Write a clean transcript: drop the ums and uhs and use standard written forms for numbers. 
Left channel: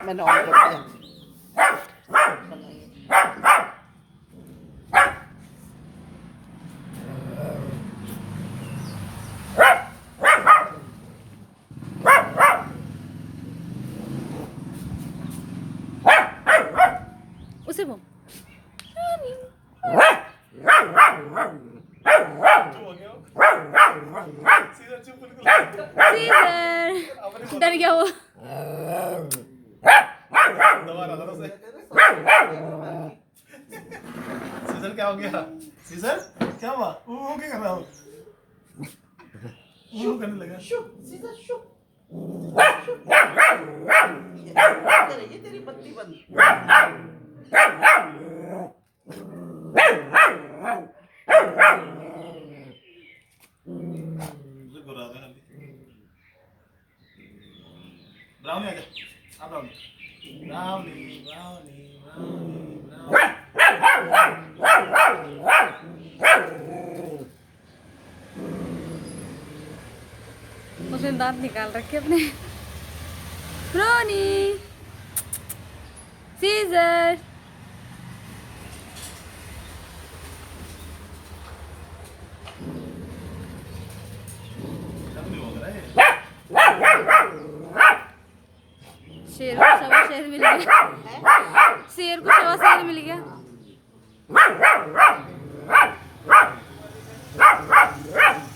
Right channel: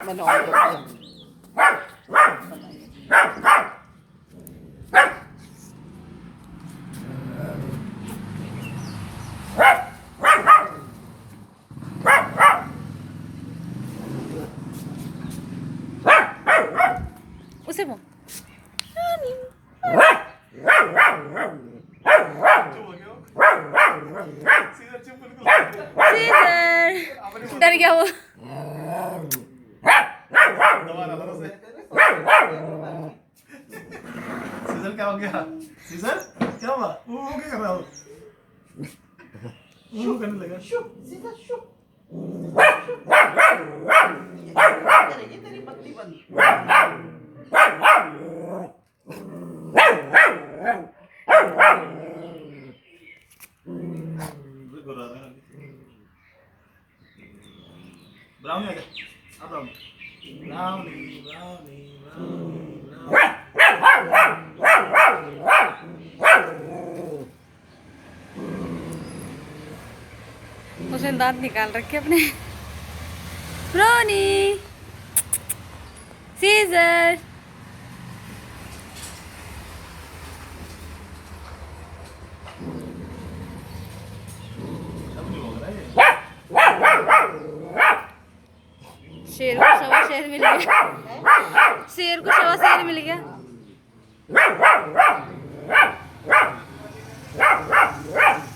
मैंने ऑन कर दिया। उसे वो सीजर डर गया वो। सीजर क्या हो गया? सीजर क्या हुआ? क्या कर रहा हो? करने लगा। सीजर शू। ये तेरी बत्ती बंद। ब्राउनी आ जा। आ ब्राउनी। ब्राउनी ब्राउनी ब्राउनी उसने दांत निकाल रखे अपने। रोनी सीजर शेर को सवा शेर मिल गया। शेर को सवा शेर मिल गया। Wow, wow, wow, wow, wow, wow, wow.